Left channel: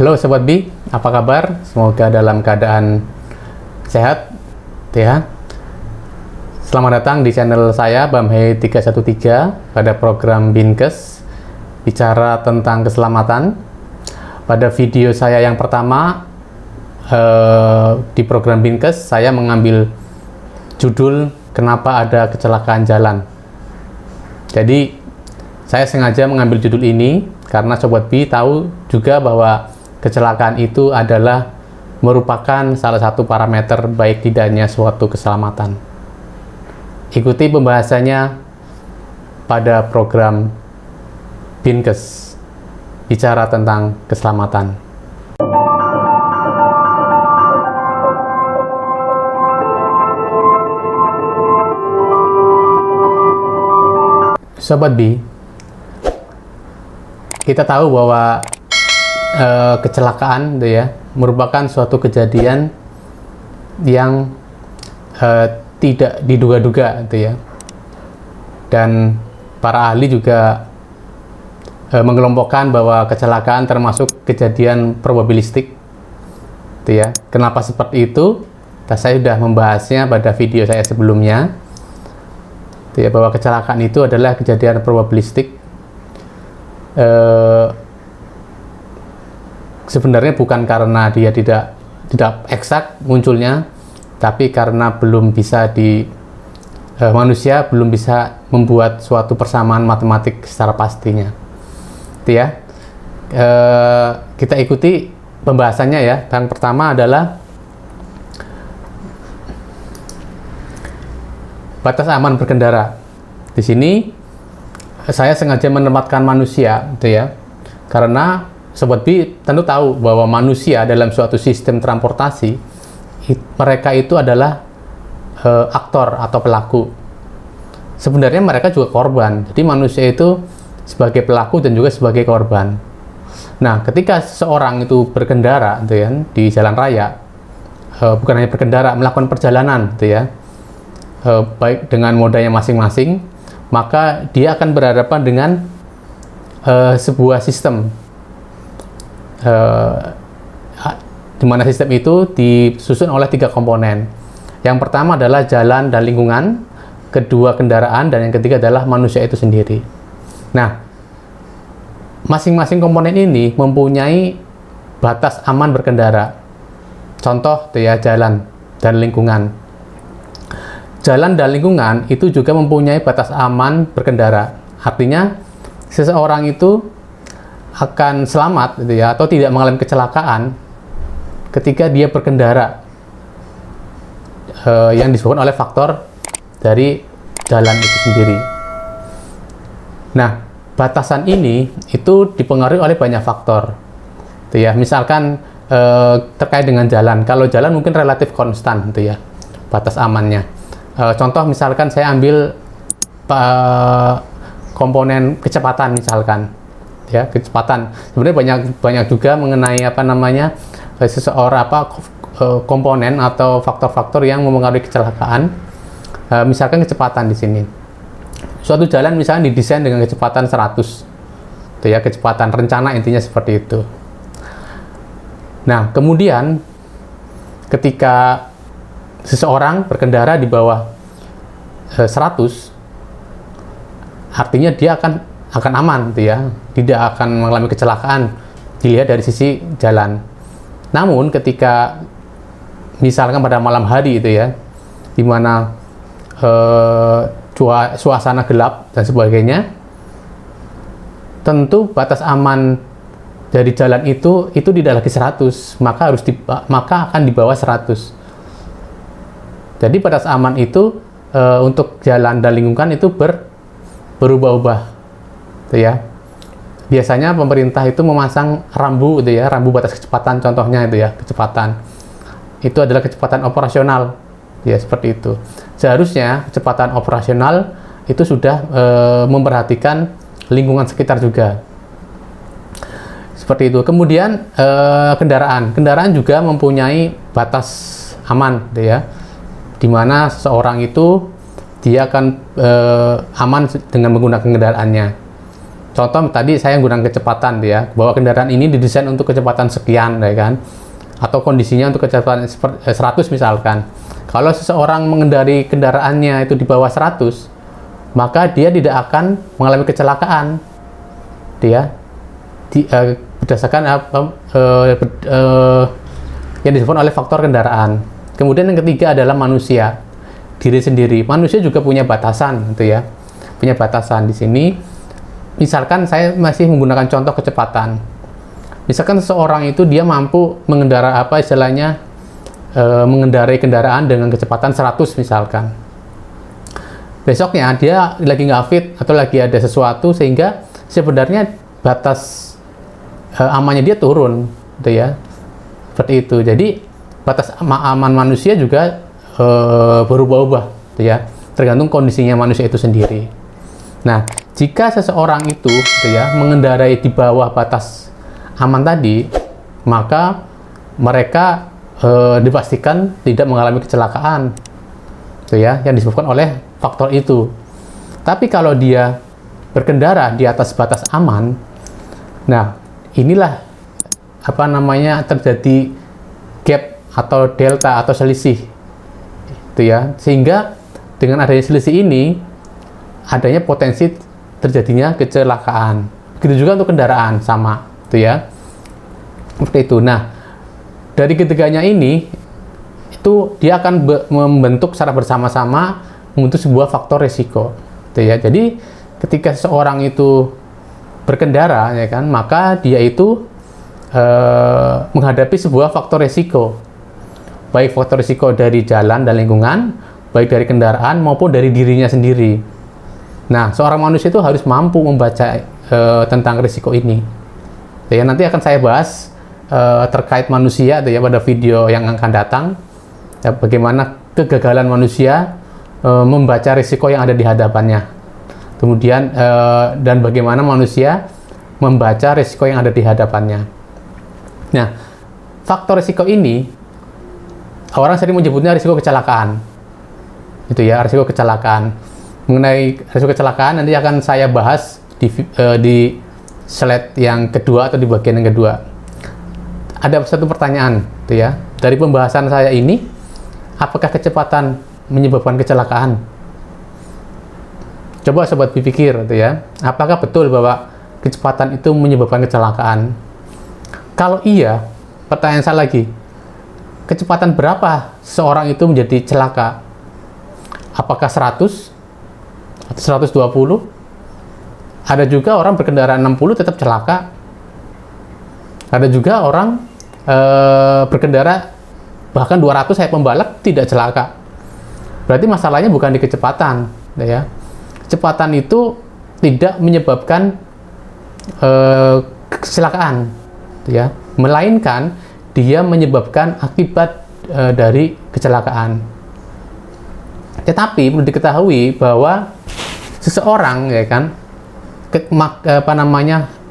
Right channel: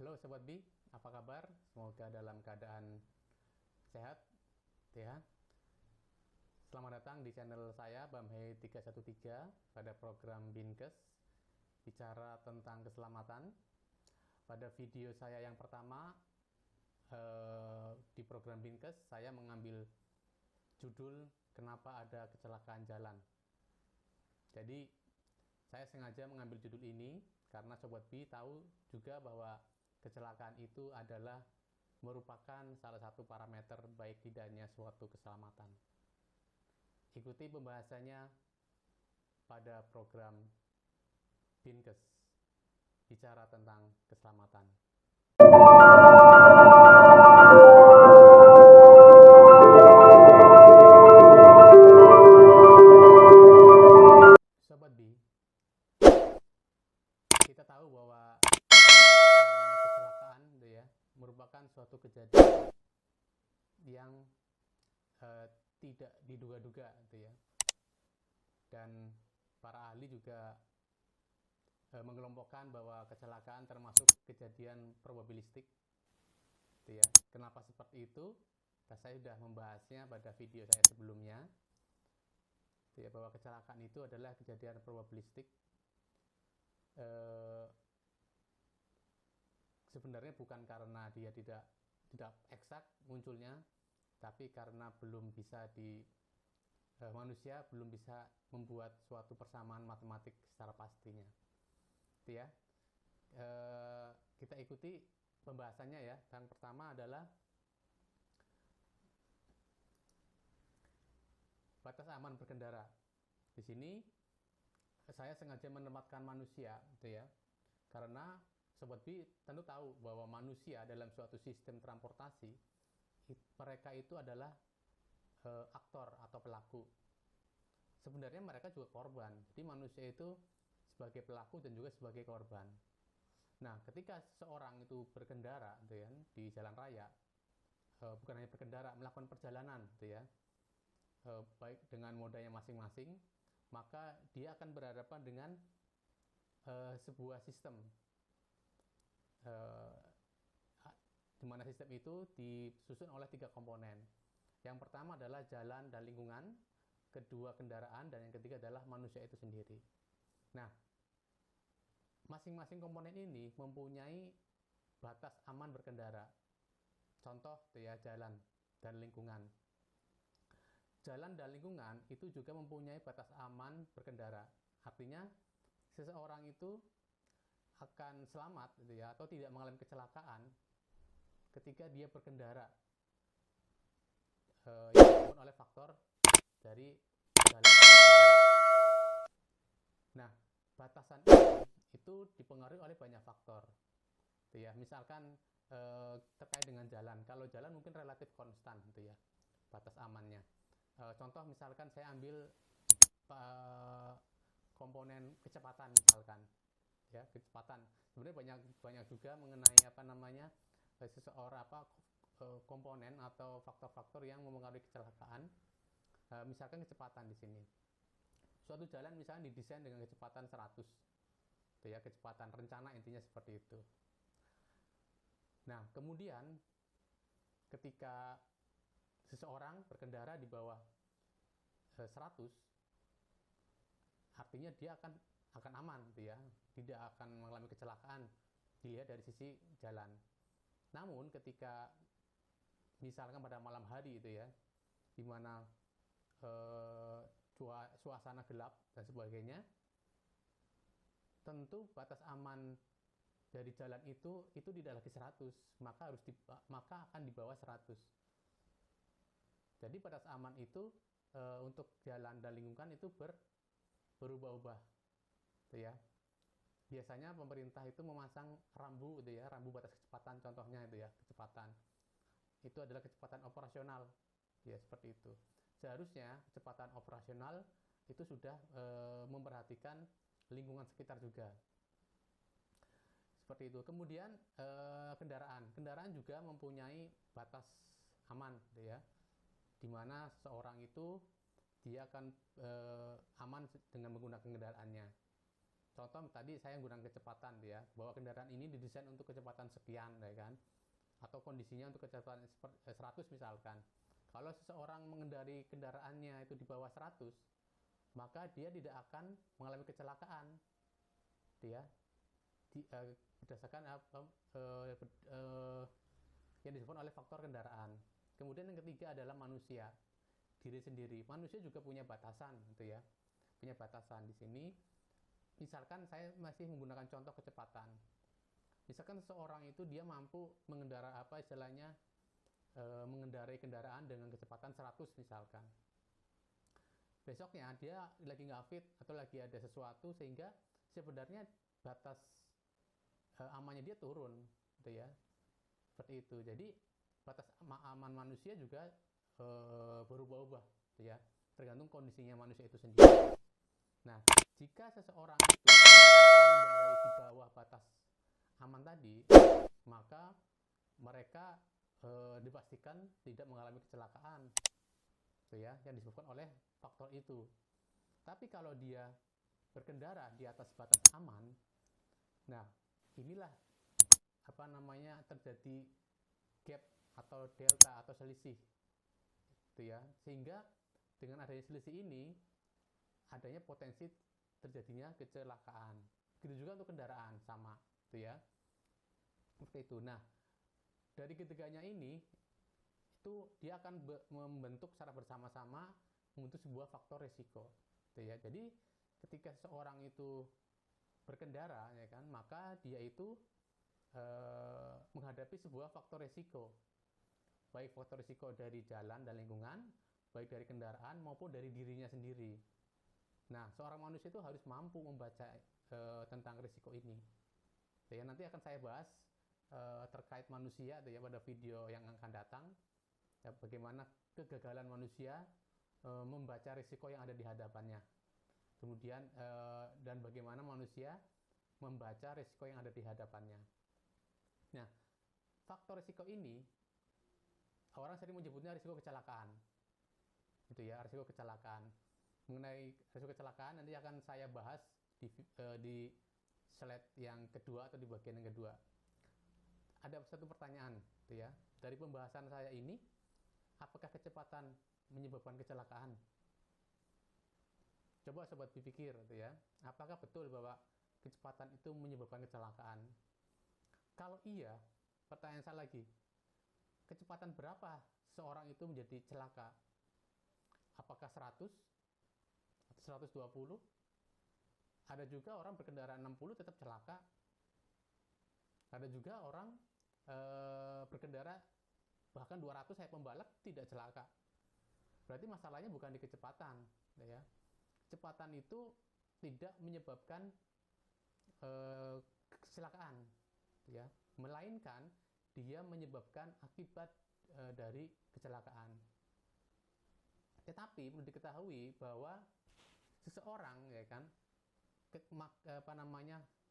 Halo Sobat Bi, apa kabar? Semoga dalam keadaan sehat ya. Selamat datang di channel saya Bamhei313 pada program Binkes bicara tentang keselamatan. Pada video saya yang pertama di program Binkes, saya mengambil judul Kenapa Ada Kecelakaan Jalan. Jadi saya sengaja mengambil judul ini karena Sobat Bi tahu juga bahwa kecelakaan itu adalah merupakan salah satu parameter baik tidaknya suatu keselamatan. Ikuti pembahasannya pada program Binkes bicara tentang keselamatan. Sobat B, kita tahu bahwa kecelakaan merupakan suatu kejadian yang tidak diduga-duga dan para ahli juga mengelompokkan bahwa kecelakaan termasuk kejadian probabilistik Kenapa seperti itu? Saya sudah membahasnya pada video saya sebelumnya bahwa kecelakaan itu adalah kejadian probabilistik. Sebenarnya bukan karena dia tidak eksak munculnya, tapi karena belum bisa manusia belum bisa membuat suatu persamaan matematik secara pastinya. Kita ikuti pembahasannya ya. Yang pertama adalah batas aman berkendara. Di sini saya sengaja menempatkan manusia, karena Sobat B tentu tahu bahwa manusia dalam suatu sistem transportasi, mereka itu adalah aktor atau pelaku. Sebenarnya mereka juga korban. Jadi manusia itu sebagai pelaku dan juga sebagai korban. Nah, ketika seseorang itu berkendara di jalan raya, bukan hanya berkendara, melakukan perjalanan baik dengan modanya masing-masing, maka dia akan berhadapan dengan sebuah sistem di mana sistem itu disusun oleh 3 komponen. Yang pertama adalah jalan dan lingkungan, kedua kendaraan, dan yang ketiga adalah manusia itu sendiri. Nah, masing-masing komponen ini mempunyai batas aman berkendara. Contoh jalan dan lingkungan. Jalan dan lingkungan itu juga mempunyai batas aman berkendara. Artinya seseorang itu akan selamat atau tidak mengalami kecelakaan ketika dia berkendara yang disebabkan oleh faktor dari jalan itu sendiri. Nah, batasan ini itu dipengaruhi oleh banyak faktor. Misalkan terkait dengan jalan. Kalau jalan mungkin relatif konstan batas amannya. Contoh misalkan saya ambil komponen kecepatan misalkan. Kecepatan. Sebenarnya banyak juga mengenai seseorang komponen atau faktor-faktor yang mempengaruhi kecelakaan. Misalkan kecepatan di sini. Suatu jalan misalnya didesain dengan kecepatan 100. Kecepatan rencana intinya seperti itu. Nah, kemudian ketika seseorang berkendara di bawah 100, artinya dia akan aman tidak akan mengalami kecelakaan dilihat dari sisi jalan. Namun ketika misalkan pada malam hari di mana suasana gelap dan sebagainya, tentu batas aman dari jalan itu tidak lagi 100, maka akan di bawah 100. Jadi batas aman itu untuk jalan dan lingkungan itu berubah-ubah. Biasanya pemerintah itu memasang rambu rambu batas kecepatan, contohnya kecepatan itu adalah kecepatan operasional seperti itu. Seharusnya kecepatan operasional itu sudah memperhatikan lingkungan sekitar juga seperti itu. Kemudian kendaraan juga mempunyai batas aman di mana seseorang itu dia akan aman dengan menggunakan kendaraannya. contoh tadi saya menggunakan kecepatan ya, bahwa kendaraan ini didesain untuk kecepatan sekian ya kan, atau kondisinya untuk kecepatan 100 misalkan. Kalau seseorang mengendari kendaraannya itu di bawah 100, maka dia tidak akan mengalami kecelakaan. Dia berdasarkan yang disebut oleh faktor kendaraan. Kemudian yang ketiga adalah manusia, diri sendiri. Manusia juga punya batasan, gitu ya. Punya batasan di sini. Misalkan saya masih menggunakan contoh kecepatan. Misalkan seseorang itu dia mampu mengendarai kendaraan dengan kecepatan 100 misalkan. Besoknya dia lagi nggak fit atau lagi ada sesuatu sehingga sebenarnya batas amannya dia turun, gitu ya. Seperti itu. Jadi batas aman manusia juga berubah-ubah, gitu ya. Tergantung kondisinya manusia itu sendiri. Nah, jika seseorang itu, gitu ya, mengendarai di bawah batas aman tadi, maka mereka dipastikan tidak mengalami kecelakaan, gitu ya, yang disebabkan oleh faktor itu. Tapi kalau dia berkendara di atas batas aman, nah inilah terjadi gap atau delta atau selisih, gitu ya. Sehingga dengan adanya selisih ini adanya potensi terjadinya kecelakaan. Begitu juga untuk kendaraan sama, gitu ya. Seperti itu. Nah, dari ketiganya ini itu dia akan membentuk secara bersama-sama membentuk sebuah faktor risiko, gitu ya. Jadi ketika seseorang itu berkendara, ya kan, maka dia itu menghadapi sebuah faktor risiko, baik faktor risiko dari jalan dan lingkungan, baik dari kendaraan maupun dari dirinya sendiri. Nah, seorang manusia itu harus mampu membaca tentang risiko ini. Ya, nanti akan saya bahas terkait manusia, ya, pada video yang akan datang. Ya, bagaimana kegagalan manusia membaca risiko yang ada di hadapannya. Kemudian dan bagaimana manusia membaca risiko yang ada di hadapannya. Nah, faktor risiko ini orang sering menyebutnya risiko kecelakaan. Itu ya, risiko kecelakaan. Mengenai risiko kecelakaan nanti akan saya bahas di slide yang kedua atau di bagian yang kedua. Ada satu pertanyaan, gitu ya. Dari pembahasan saya ini, apakah kecepatan menyebabkan kecelakaan? Coba sobat berpikir, gitu ya. Apakah betul bahwa kecepatan itu menyebabkan kecelakaan? Kalau iya, pertanyaan saya lagi, kecepatan berapa seorang itu menjadi celaka? Apakah 100 atau 120? Ada juga orang berkendara 60 tetap celaka. Ada juga orang berkendara bahkan 200 saya pembalap tidak celaka. Berarti masalahnya bukan di kecepatan, ya. Kecepatan itu tidak menyebabkan kecelakaan, ya, melainkan dia menyebabkan akibat dari kecelakaan. Tetapi perlu diketahui bahwa seseorang, ya kan,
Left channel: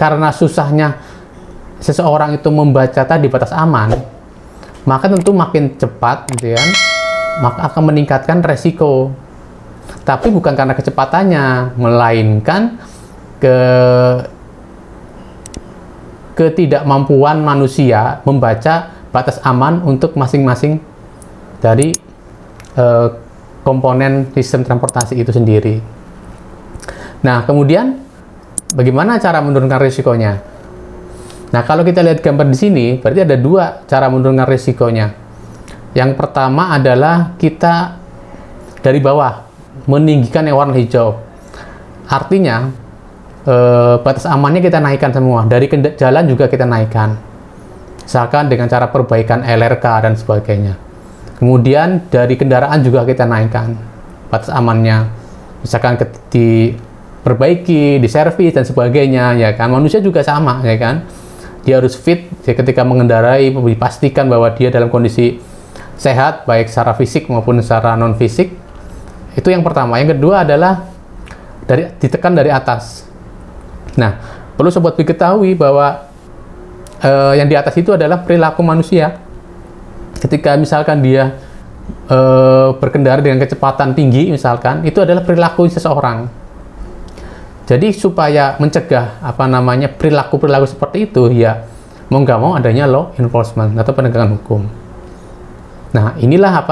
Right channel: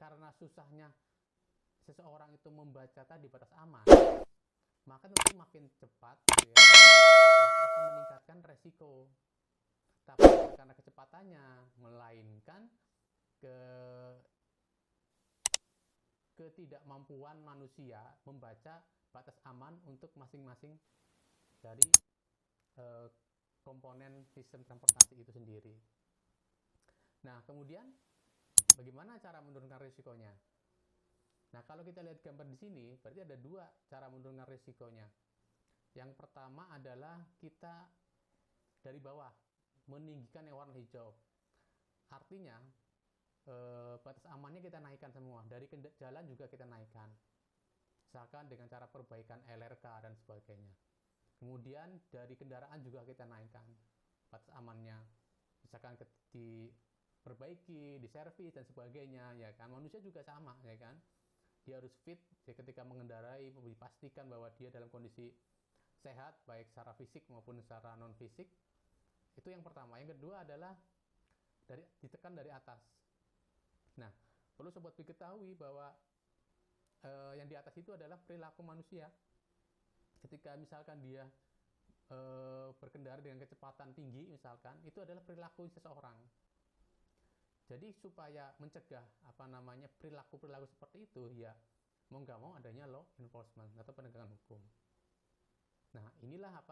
karena susahnya seseorang itu membaca tadi batas aman, maka tentu makin cepat, gitu kan, maka akan meningkatkan resiko. Tapi bukan karena kecepatannya, melainkan ketidakmampuan manusia membaca batas aman untuk masing-masing dari komponen sistem transportasi itu sendiri. Nah, kemudian bagaimana cara menurunkan risikonya? Nah, kalau kita lihat gambar di sini, berarti ada dua cara menurunkan risikonya. Yang pertama adalah kita dari bawah meninggikan yang warna hijau. Artinya batas amannya kita naikkan semua. Dari jalan juga kita naikkan. Misalkan dengan cara perbaikan LRK dan sebagainya. Kemudian dari kendaraan juga kita naikkan batas amannya. Misalkan diperbaiki, diservis dan sebagainya, ya kan. Manusia juga sama, ya kan. Dia harus fit ya, ketika mengendarai, dipastikan bahwa dia dalam kondisi sehat baik secara fisik maupun secara non fisik. Itu yang pertama. Yang kedua adalah ditekan dari atas. Nah, perlu sobat diketahui bahwa yang di atas itu adalah perilaku manusia. Ketika misalkan dia berkendara dengan kecepatan tinggi, misalkan, itu adalah perilaku seseorang. Jadi supaya mencegah perilaku-perilaku seperti itu, ya mau nggak mau adanya law enforcement atau penegakan hukum. Nah, inilah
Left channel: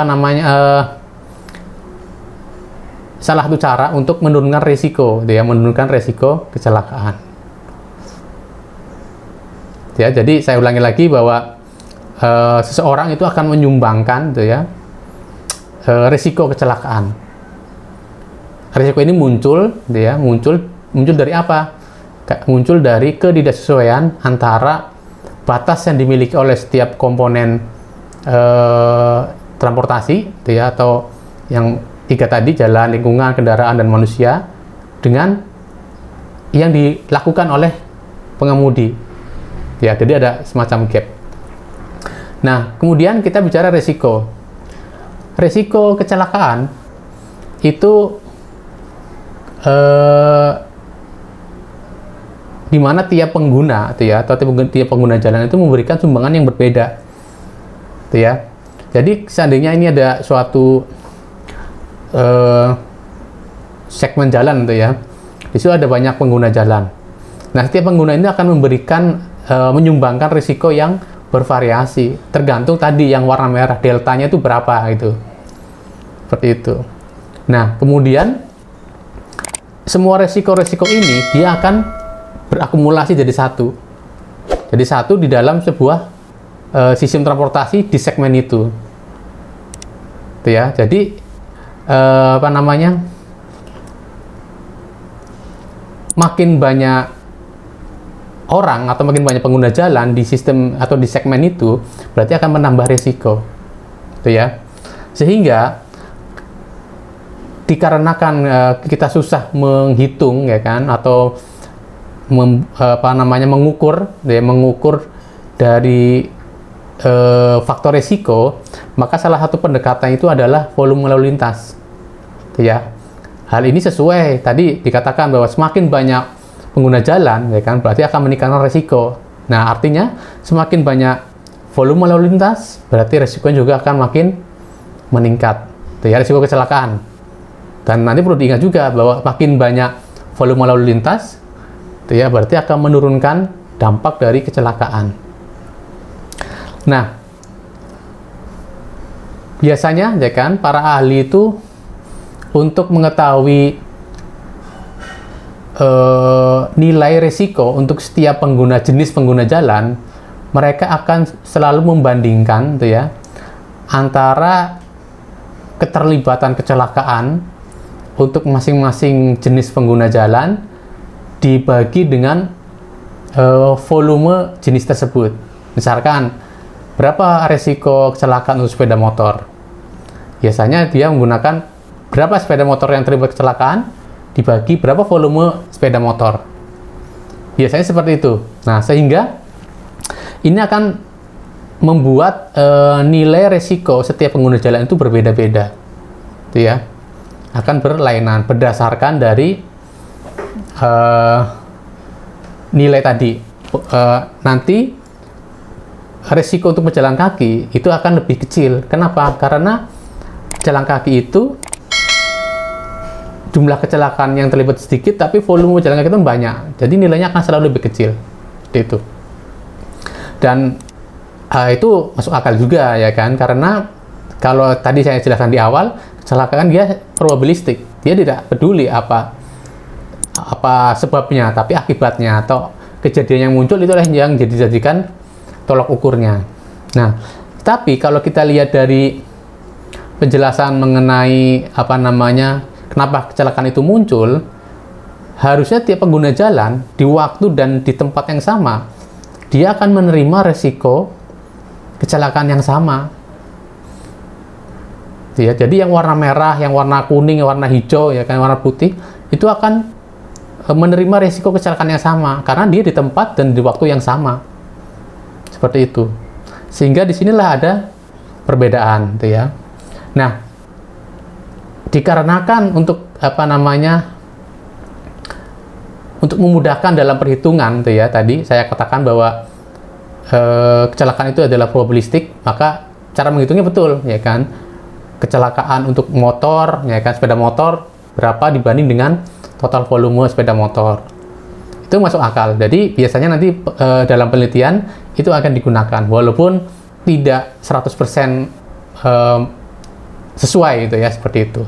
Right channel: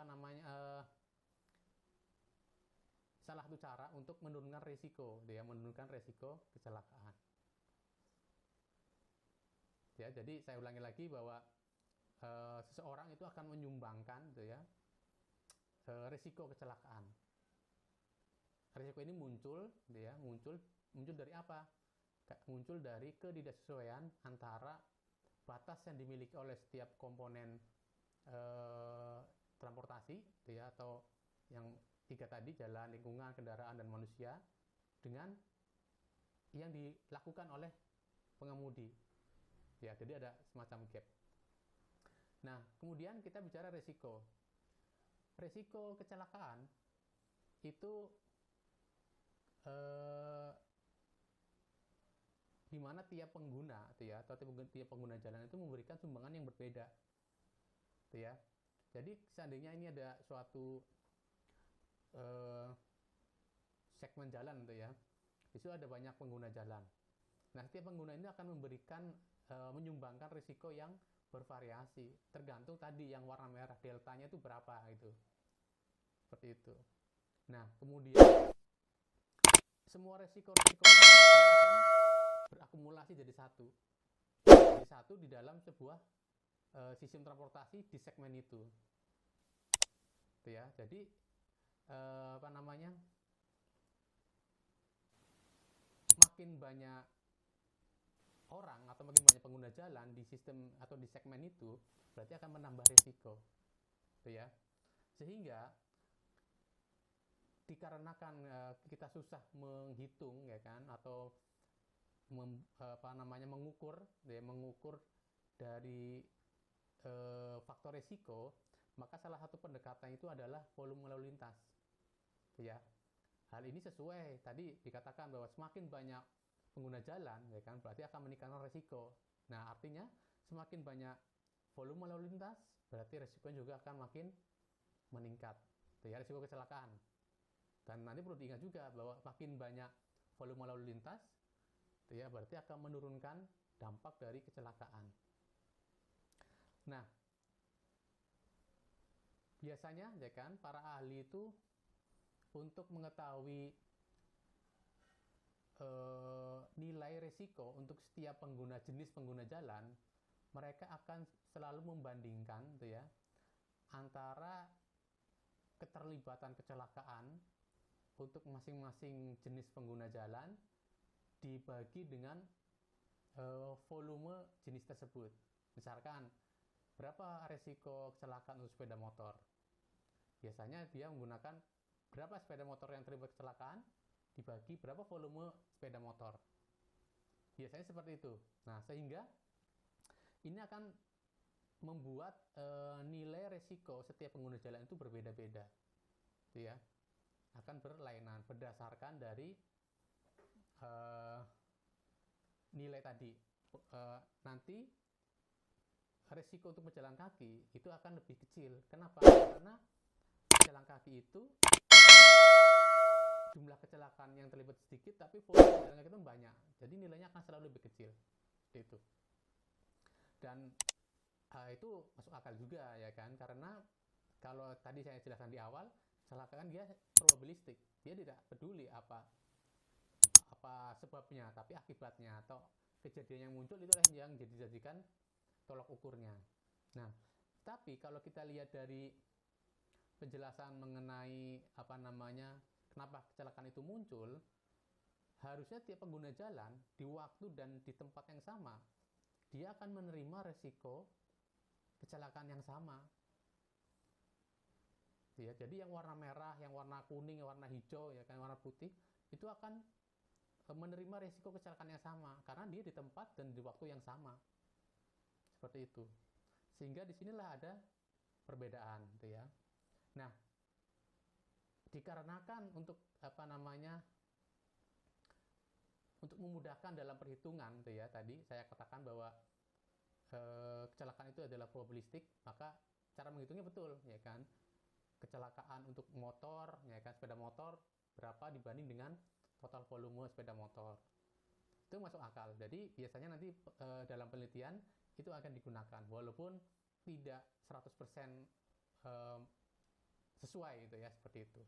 salah satu cara untuk menurunkan risiko, menurunkan risiko kecelakaan. Ya, jadi saya ulangi lagi bahwa seseorang itu akan menyumbangkan, risiko kecelakaan. Risiko ini muncul dari apa? Muncul dari ketidaksesuaian antara batas yang dimiliki oleh setiap komponen transportasi, atau yang 3 tadi, jalan, lingkungan, kendaraan, dan manusia, dengan yang dilakukan oleh pengemudi. Ya, jadi ada semacam gap. Nah, kemudian kita bicara risiko. Risiko kecelakaan itu di mana tiap pengguna, atau tiap pengguna jalan itu memberikan sumbangan yang berbeda, Jadi seandainya ini ada suatu segmen jalan, di situ ada banyak pengguna jalan. Nah, setiap pengguna ini akan menyumbangkan risiko yang bervariasi, tergantung tadi yang warna merah, deltanya itu berapa gitu. Seperti itu. Nah, kemudian semua resiko-resiko ini dia akan berakumulasi jadi satu. Jadi satu di dalam sebuah sistem transportasi di segmen itu. Jadi makin banyak orang atau makin banyak pengguna jalan di sistem atau di segmen itu, berarti akan menambah risiko. Sehingga dikarenakan kita susah menghitung, atau mengukur dari faktor risiko, maka salah satu pendekatan itu adalah volume lalu lintas. Hal ini sesuai tadi dikatakan bahwa semakin banyak pengguna jalan, berarti akan meningkatkan risiko. Nah, artinya semakin banyak volume lalu lintas, berarti risikonya juga akan makin meningkat. Risiko kecelakaan. Dan nanti perlu diingat juga bahwa makin banyak volume lalu lintas, berarti akan menurunkan dampak dari kecelakaan. Nah, biasanya para ahli itu untuk mengetahui nilai risiko untuk setiap jenis pengguna jalan, mereka akan selalu membandingkan antara keterlibatan kecelakaan untuk masing-masing jenis pengguna jalan dibagi dengan volume jenis tersebut. Misalkan, berapa risiko kecelakaan untuk sepeda motor? Biasanya dia menggunakan berapa sepeda motor yang terlibat kecelakaan dibagi berapa volume sepeda motor. Biasanya seperti itu. Nah, sehingga ini akan membuat nilai risiko setiap pengguna jalan itu berbeda-beda. Akan berlainan berdasarkan dari nilai tadi. Nanti risiko untuk pejalan kaki itu akan lebih kecil. Kenapa? Karena pejalan kaki itu jumlah kecelakaan yang terlibat sedikit, tapi volume pejalan kaki itu banyak. Jadi nilainya akan selalu lebih kecil. Seperti itu. Dan itu masuk akal juga, karena kalau tadi saya jelaskan di awal, kecelakaan dia probabilistik. Dia tidak peduli apa sebabnya, tapi akibatnya atau kejadian yang muncul itulah yang dijadikan tolak ukurnya. Nah, tapi kalau kita lihat dari penjelasan mengenai kenapa kecelakaan itu muncul, harusnya tiap pengguna jalan di waktu dan di tempat yang sama, dia akan menerima resiko kecelakaan yang sama. Jadi yang warna merah, yang warna kuning, yang warna hijau, warna putih, itu akan menerima risiko kecelakaan yang sama karena dia di tempat dan di waktu yang sama. Seperti itu. Sehingga disinilah ada perbedaan, Nah, dikarenakan untuk untuk memudahkan dalam perhitungan, tadi saya katakan bahwa kecelakaan itu adalah probabilistik, maka cara menghitungnya betul, Kecelakaan untuk motor, sepeda motor berapa dibanding dengan total volume sepeda motor. Itu masuk akal. Jadi biasanya nanti dalam penelitian itu akan digunakan walaupun tidak 100% sesuai gitu ya, seperti itu.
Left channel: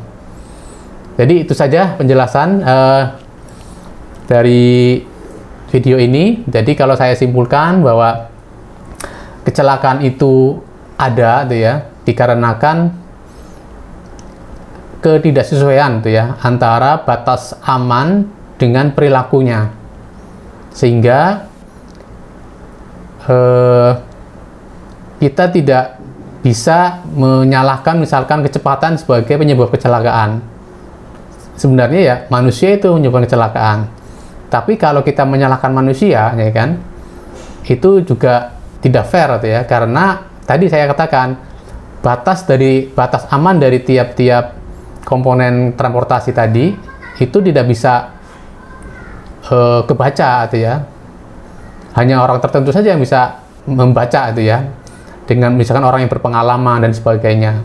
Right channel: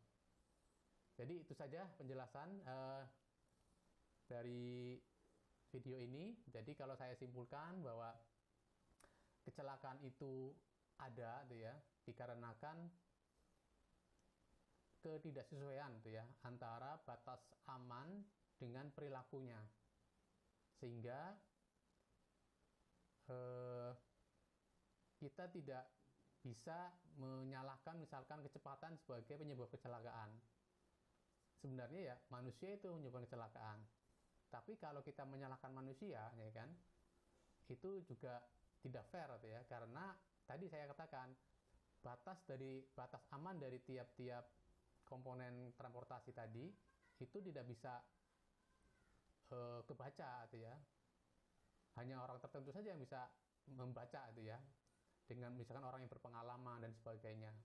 Jadi itu saja penjelasan dari video ini. Jadi kalau saya simpulkan bahwa kecelakaan itu ada gitu ya, dikarenakan ketidaksesuaian gitu ya antara batas aman dengan perilakunya, sehingga kita tidak bisa menyalahkan misalkan kecepatan sebagai penyebab kecelakaan. Sebenarnya ya manusia itu menyebabkan kecelakaan. Tapi kalau kita menyalahkan manusia, ya kan, itu juga tidak fair gitu ya, karena tadi saya katakan batas aman dari tiap-tiap komponen transportasi tadi itu tidak bisa kebaca gitu ya. Hanya orang tertentu saja yang bisa membaca itu ya, dengan misalkan orang yang berpengalaman dan sebagainya.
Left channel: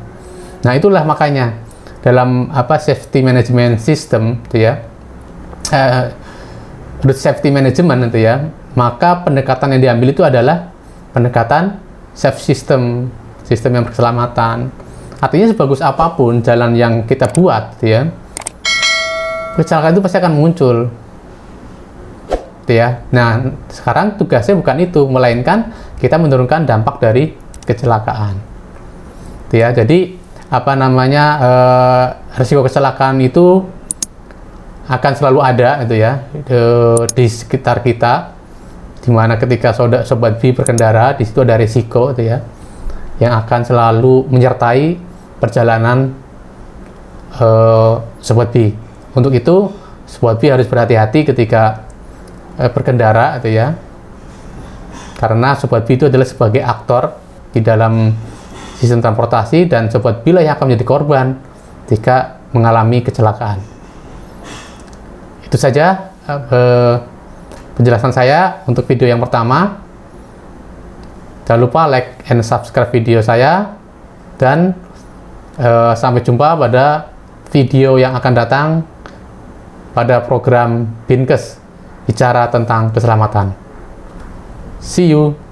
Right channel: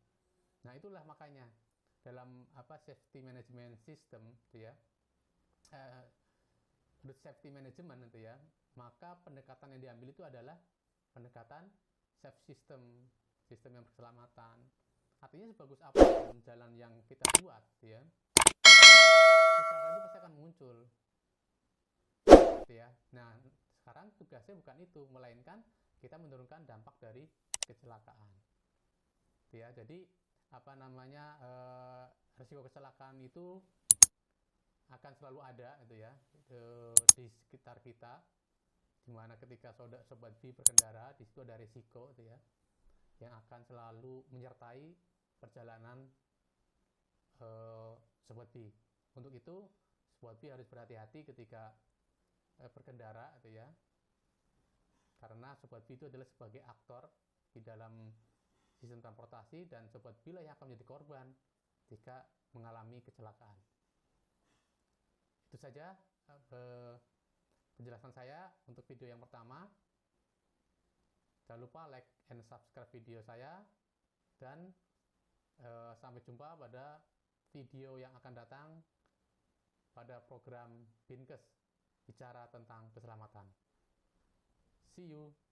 Nah, itulah makanya dalam safety management system itu ya, road safety management itu ya, maka pendekatan yang diambil itu adalah pendekatan safe system yang berkeselamatan. Artinya sebagus apapun jalan yang kita buat gitu ya, kecelakaan itu pasti akan muncul gitu ya. Nah, sekarang tugasnya bukan itu, melainkan kita menurunkan dampak dari kecelakaan gitu ya. Jadi risiko kecelakaan itu akan selalu ada gitu ya di sekitar kita, dimana ketika sobat B berkendara, di situ ada risiko gitu ya yang akan selalu menyertai perjalanan sobat B. Untuk itu sobat B harus berhati-hati ketika berkendara gitu ya, karena sobat B itu adalah sebagai aktor di dalam sistem transportasi, dan sobat B lah yang akan menjadi korban jika mengalami kecelakaan. Itu saja penjelasan saya untuk video yang pertama. Jangan lupa like and subscribe video saya, dan sampai jumpa pada video yang akan datang pada program Binkes bicara tentang keselamatan. See you.